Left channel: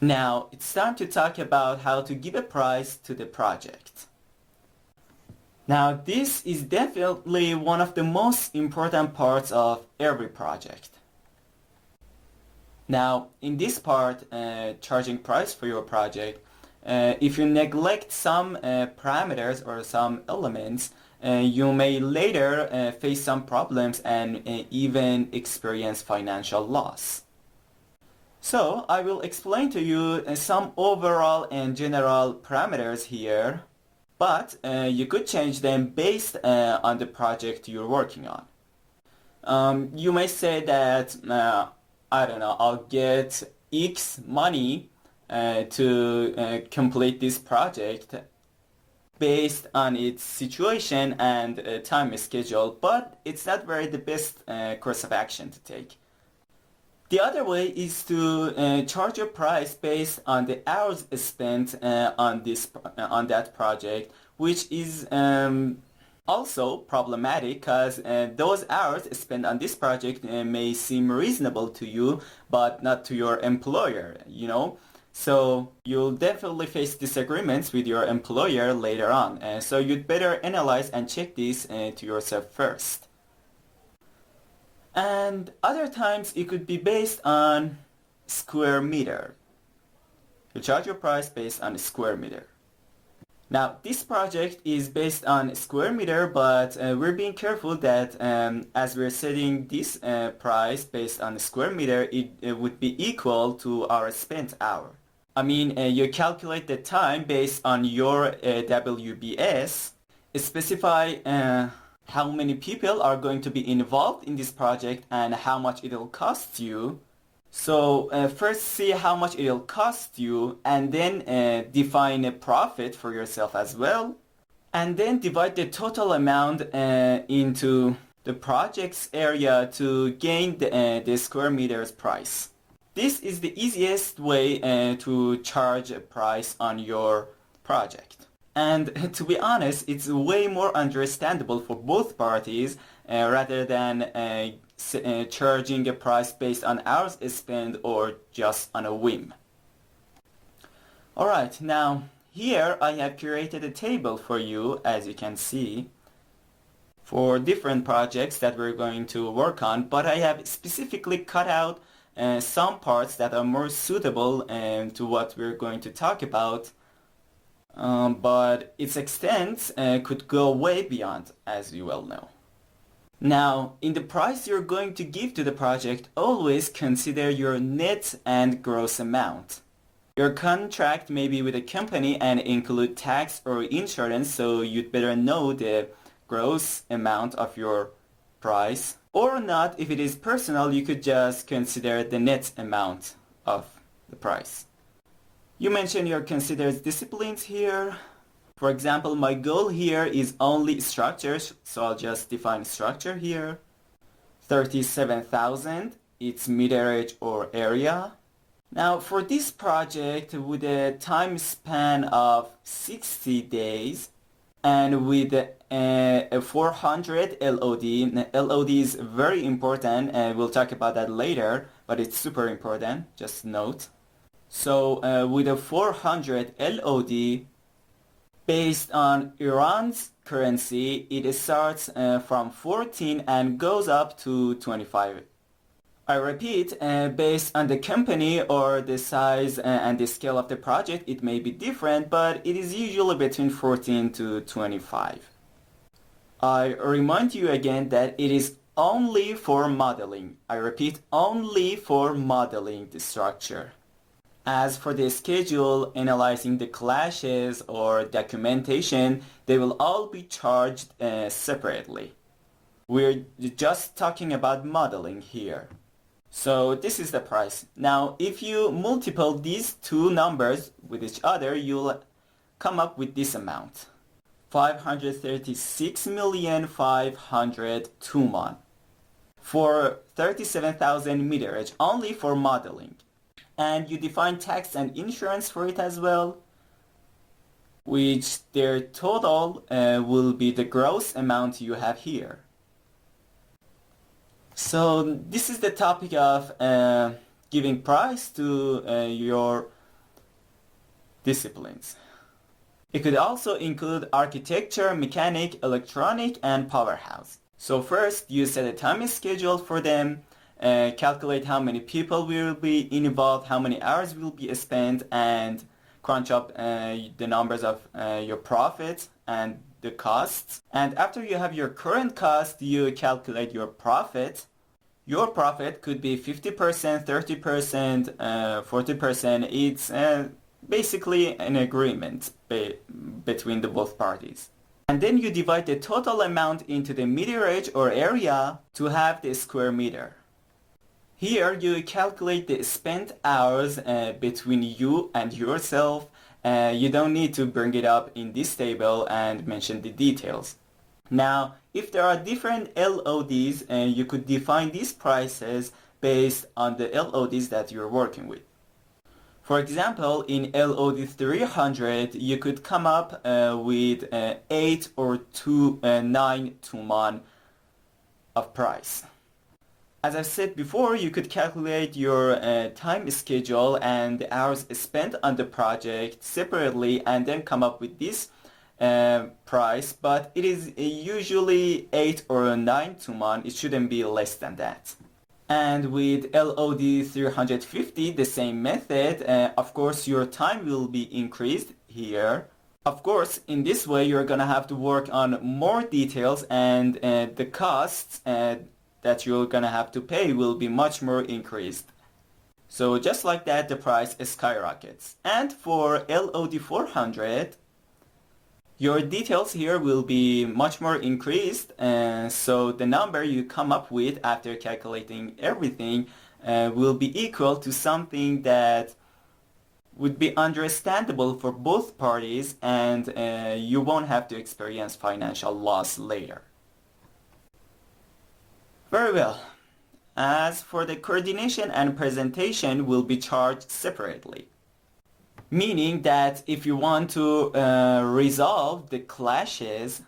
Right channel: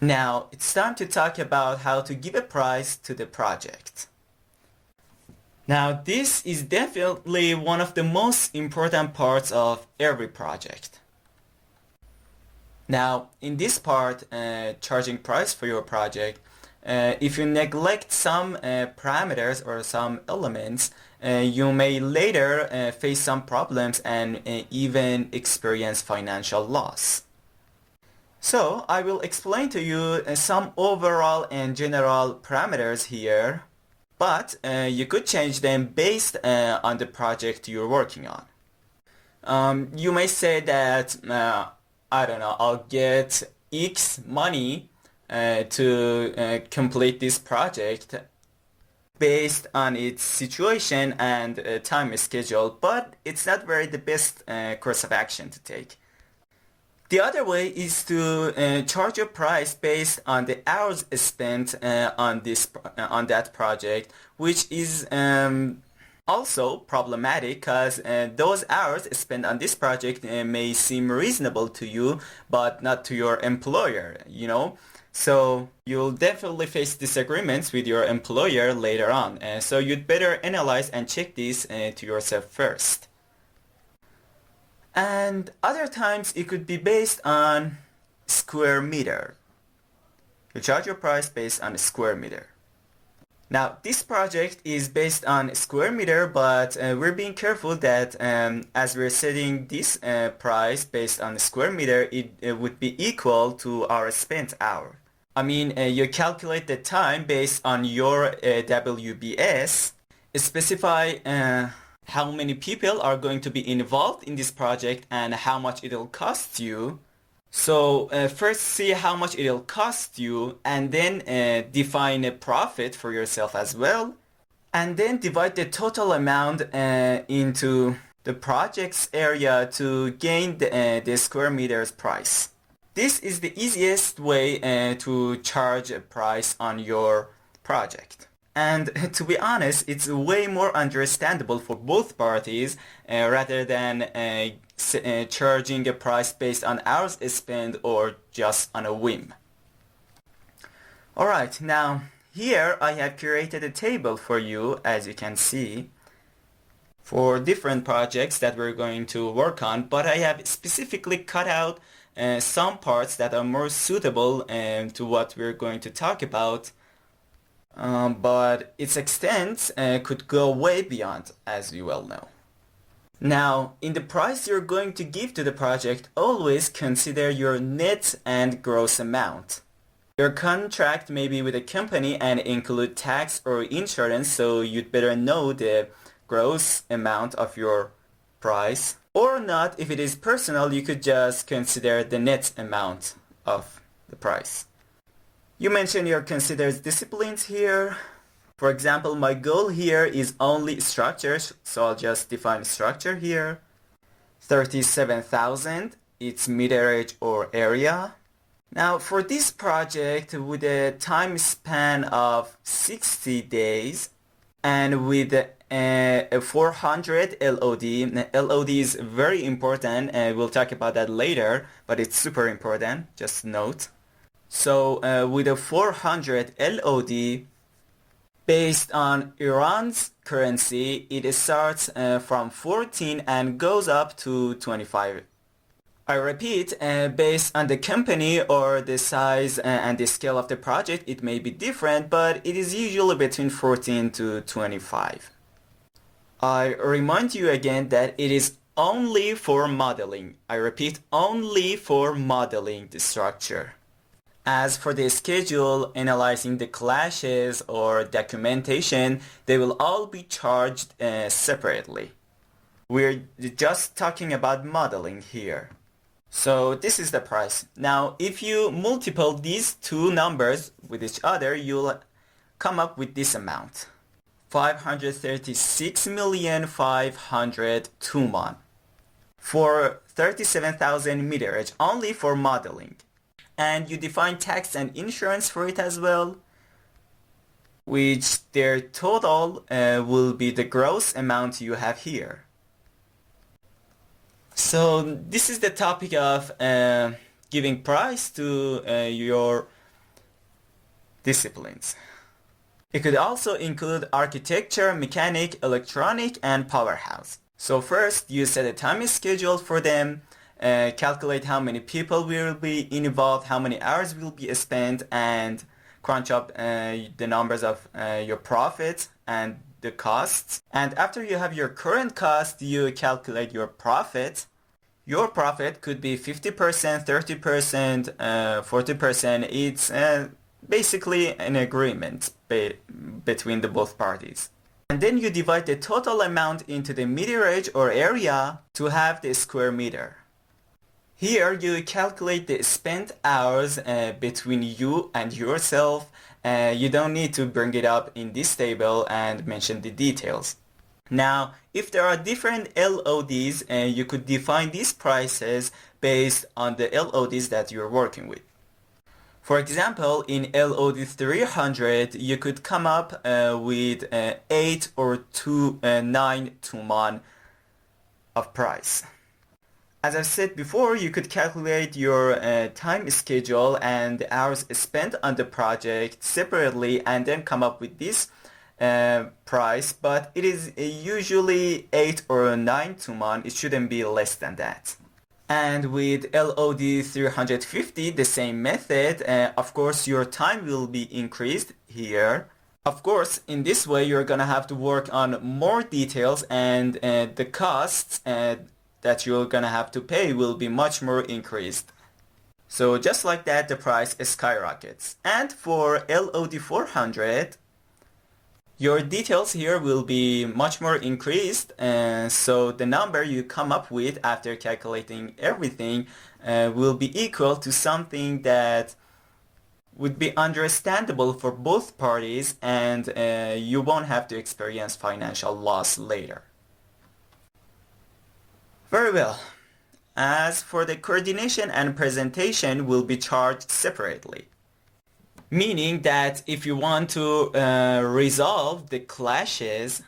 Now it's time to talk about how to give a price to the project. Now this is definitely one of the most important parts of every project. Now in this part, charging price for your project, if you neglect some parameters or some elements, you may later face some problems and even experience financial loss. So I will explain to you some overall and general parameters here, but you could change them based on the project you're working on. You may say that, I don't know, I'll get X money to complete this project based on its situation and time schedule, but it's not very the best course of action to take. The other way is to charge a price based on the hours spent on that project, which is also problematic because those hours spent on this project may seem reasonable to you, but not to your employer, you know. So you'll definitely face disagreements with your employer later on. So you'd better analyze and check this to yourself first. And other times it could be based on square meter. You charge your price based on a square meter. Now this project is based on square meter, but we're being careful that as we're setting this price based on square meter, it would be equal to our spent hour. I mean, you calculate the time based on your WBS, specify how many people are going to be involved in this project and how much it'll cost you. So first see how much it'll cost you and then define a profit for yourself as well. And then divide the total amount into the project's area to gain the square meters price. This is the easiest way to charge a price on your project. And to be honest, it's way more understandable for both parties rather than charging a price based on hours spent or just on a whim. Alright, now here I have created a table for you, as you can see, for different projects that we're going to work on, but I have specifically cut out some parts that are more suitable to what we're going to talk about. But its extent could go way beyond, as you well know. Now, in the price you're going to give to the project, always consider your net and gross amount. Your contract may be with a company and include tax or insurance, so you'd better know the gross amount of your price. Or not, if it is personal, you could just consider the net amount of the price. You mentioned your considered disciplines here. For example, my goal here is only structures, so I'll just define structure here. 37,000, it's meterage or area. Now for this project with a time span of 60 days and with a 400 LOD. LOD is very important and we'll talk about that later, but it's super important, just note. So with a 400 LOD, based on Iran's currency, it starts from 14 and goes up to 25. I repeat, based on the company or the size and the scale of the project, it may be different, but it is usually between 14 to 25. I remind you again that it is only for modeling. I repeat, only for modeling the structure. As for the schedule, analyzing the clashes or documentation, they will all be charged separately. We're just talking about modeling here. So this is the price. Now, if you multiply these two numbers with each other, you'll come up with this amount. 536,500 Tuman for 37,000 meterage only for modeling. And you define tax and insurance for it as well, which their total will be the gross amount you have here. So this is the topic of giving price to your disciplines. It could also include architecture, mechanic, electronic, and powerhouse. So first, you set a time schedule for them, calculate how many people will be involved, how many hours will be spent, and crunch up the numbers of your profits and the costs. And after you have your current cost, you calculate your profit. Your profit could be 50%, 30%, 40%. It's basically an agreement between the both parties. And then you divide the total amount into the meterage or area to have the square meter. Here you calculate the spent hours between you and yourself. You don't need to bring it up in this table and mention the details. Now, if there are different LODs, you could define these prices based on the LODs that you're working with. For example, in LOD 300, you could come up with 8 or 9 to 1 of price. As I said before, you could calculate your time schedule and the hours spent on the project separately and then come up with this price, but it is usually 8 or 9 to 1. It shouldn't be less than that. And with LOD 350, the same method, of course your time will be increased here. Of course, in this way you're gonna have to work on more details, and the costs that you're gonna have to pay will be much more increased. So just like that, the price skyrockets. And for LOD 400, your details here will be much more increased, so the number you come up with after calculating everything will be equal to something that would be understandable for both parties, and you won't have to experience financial loss later. Very well. As for the coordination and presentation will be charged separately. Meaning that if you want to resolve the clashes,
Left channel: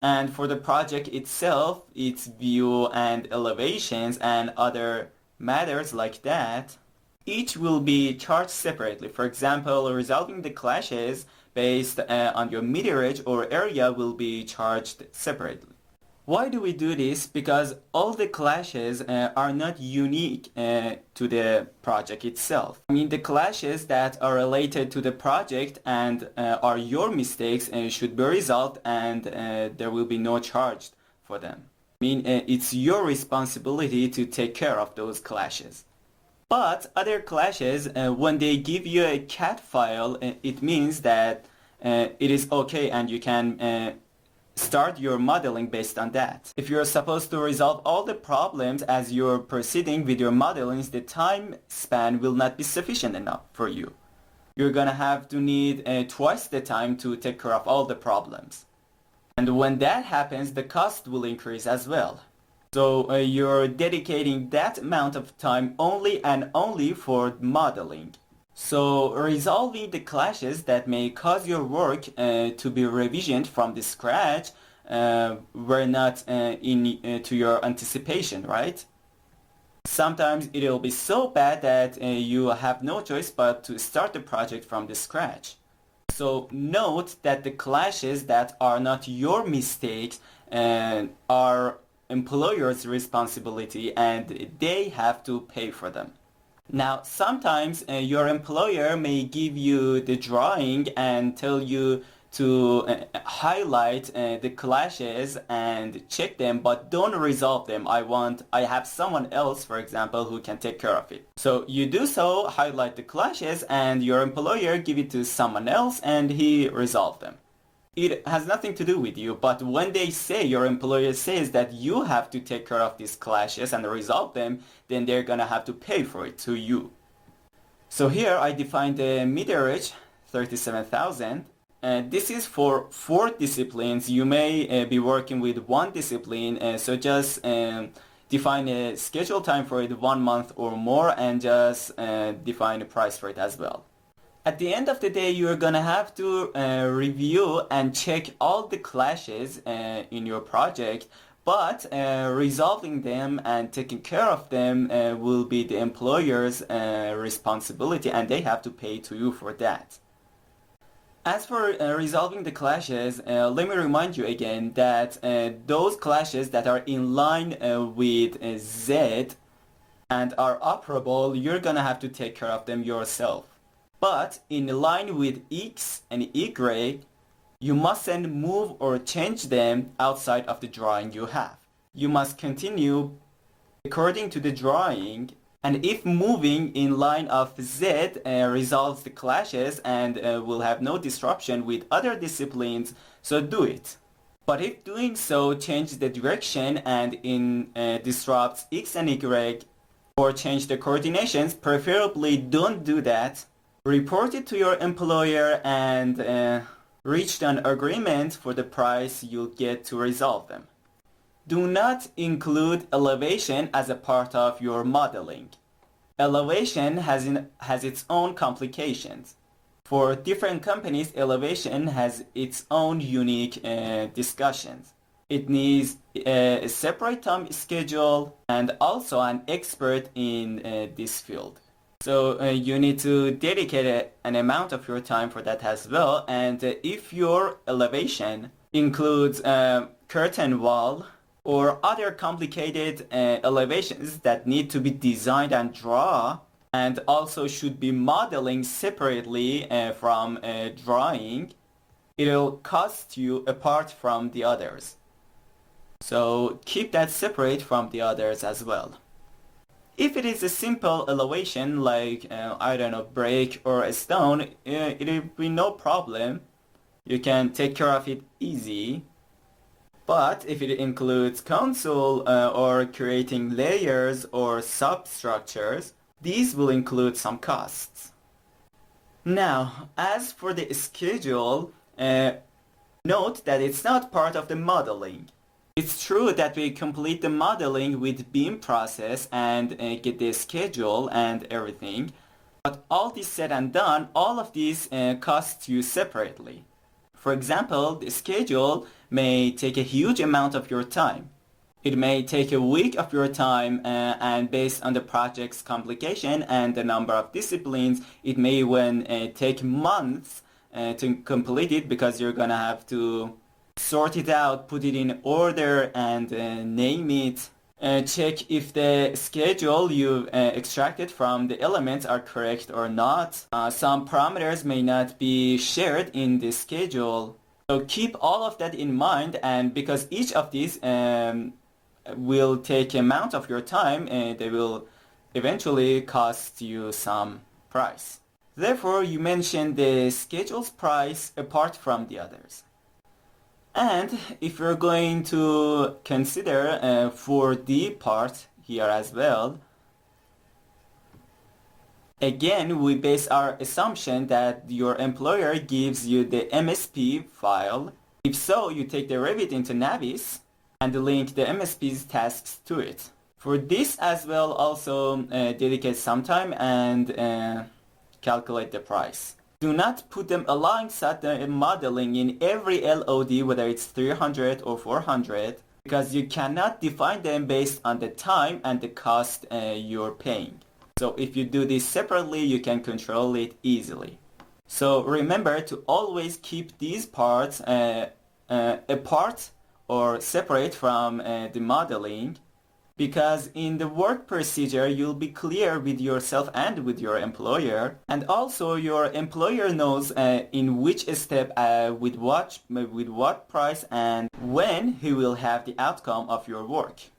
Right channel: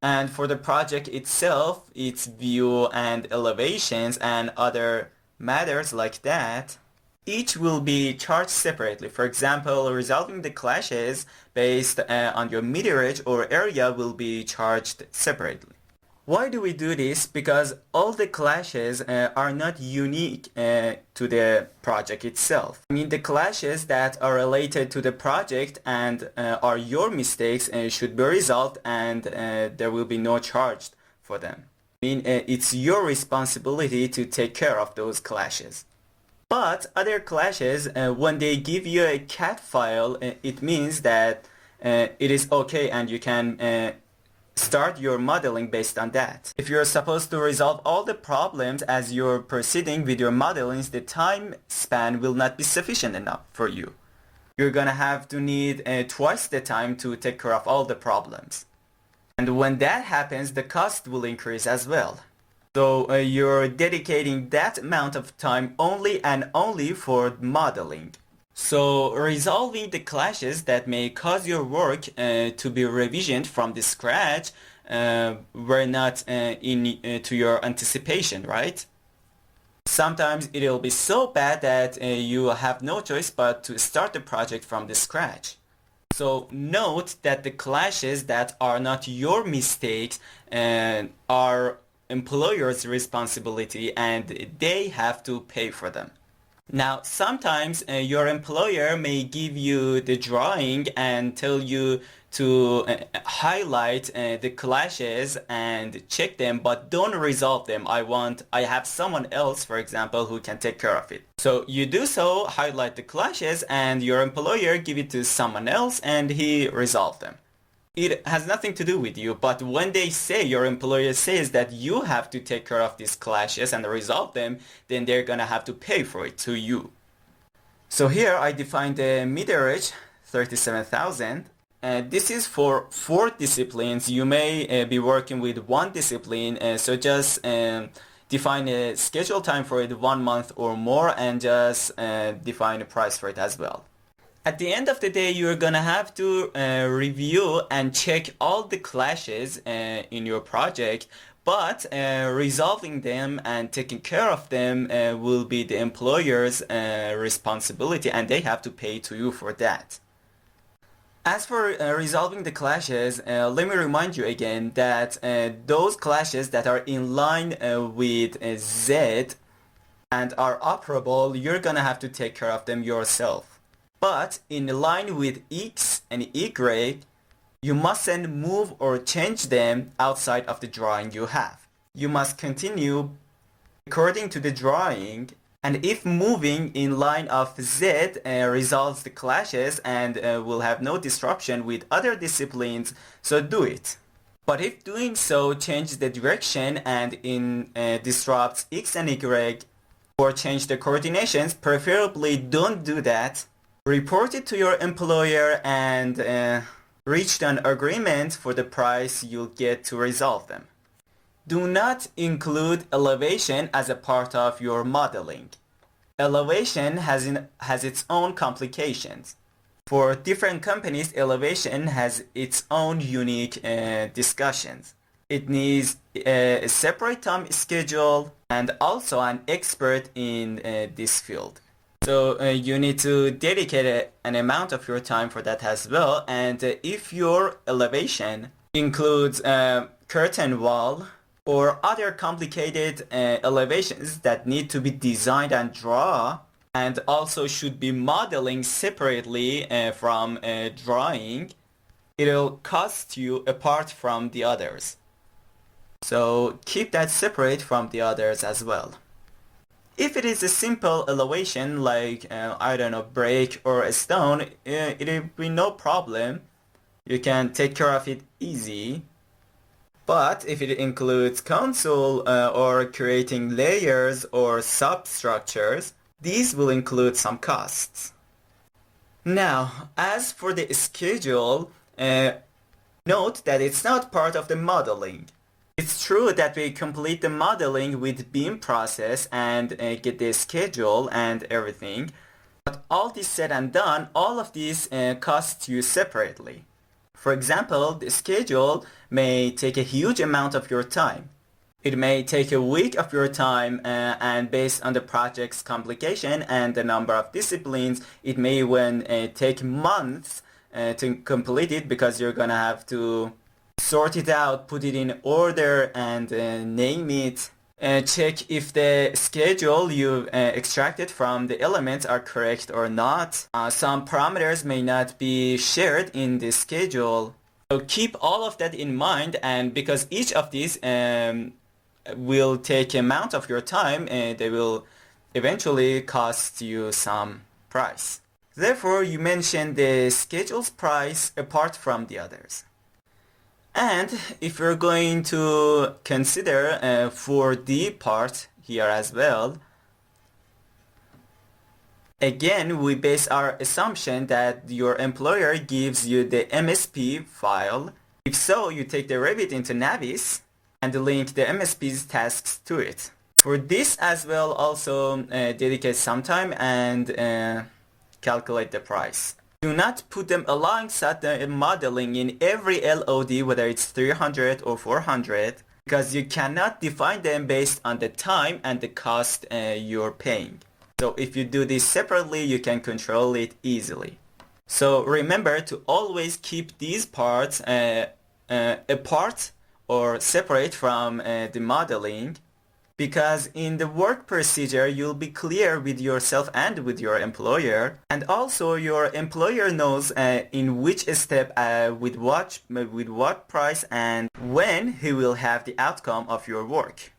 and for the project itself, its view and elevations and other matters like that, each will be charged separately. For example, resolving the clashes based on your meterage or area will be charged separately. Why do we do this? Because all the clashes are not unique to the project itself. I mean, the clashes that are related to the project and are your mistakes should be resolved, and there will be no charge for them. I mean, it's your responsibility to take care of those clashes. But other clashes, when they give you a CAD file, it means that it is okay and you can start your modeling based on that. If you're supposed to resolve all the problems as you're proceeding with your modelings, the time span will not be sufficient enough for you. You're gonna have to need twice the time to take care of all the problems. And when that happens, the cost will increase as well. So you're dedicating that amount of time only and only for modeling. So resolving the clashes that may cause your work to be revisioned from the scratch were not to your anticipation, right? Sometimes it will be so bad that you have no choice but to start the project from the scratch. So note that the clashes that are not your mistakes are employer's responsibility, and they have to pay for them. Now, sometimes your employer may give you the drawing and tell you to highlight the clashes and check them, but don't resolve them. I have someone else, for example, who can take care of it. So you do so, highlight the clashes, and your employer give it to someone else and he resolve them. It has nothing to do with you, but when they say, your employer says that you have to take care of these clashes and resolve them, then they're gonna have to pay for it to you. So here I defined the meterage, 37,000. This is for 4 disciplines. You may be working with 1 discipline, so just define a schedule time for it 1 month or more, and just define a price for it as well. At the end of the day, you're gonna have to review and check all the clashes in your project, but resolving them and taking care of them will be the employer's responsibility, and they have to pay to you for that. As for resolving the clashes, let me remind you again that those clashes that are in line with Z and are operable, you're gonna have to take care of them yourself. But in line with X and Y, you mustn't move or change them outside of the drawing you have. You must continue according to the drawing, and if moving in line of Z resolves the clashes and will have no disruption with other disciplines, so do it. But if doing so changes the direction and disrupts X and Y or change the coordinations, preferably don't do that. Report it to your employer and reach an agreement for the price you'll get to resolve them. Do not include elevation as a part of your modeling. Elevation has its own complications. For different companies, elevation has its own unique discussions. It needs a separate time schedule and also an expert in this field. So you need to dedicate an amount of your time for that as well. And if your elevation includes curtain wall or other complicated elevations that need to be designed and drawn, and also should be modeling separately from drawing, it'll cost you apart from the others. So keep that separate from the others as well. If it is a simple elevation like, I don't know, brick or a stone, it'll be no problem. You can take care of it easy. But if it includes console or creating layers or substructures, these will include some costs. Now, as for the schedule, note that it's not part of the modeling. It's true that we complete the modeling with BIM process and get the schedule and everything, but all this said and done, all of these cost you separately. For example, the schedule may take a huge amount of your time. It may take a week of your time and based on the project's complication and the number of disciplines, it may even take months to complete it because you're gonna have to sort it out, put it in order and name it. Check if the schedule you extracted from the elements are correct or not. Some parameters may not be shared in the schedule. So keep all of that in mind, and because each of these will take amount of your time, they will eventually cost you some price. Therefore, you mention the schedule's price apart from the others. And if we're going to consider for the part here as well, again, we base our assumption that your employer gives you the MSP file. If so, you take the Revit into Navis and link the MSP's tasks to it. For this as well, also dedicate some time and calculate the price. Do not put them alongside the modeling in every LOD, whether it's 300 or 400, because you cannot define them based on the time and the cost you're paying. So if you do this separately, you can control it easily. So remember to always keep these parts apart or separate from the modeling, because in the work procedure you'll be clear with yourself and with your employer, and also your employer knows in which step with what price and when he will have the outcome of your work.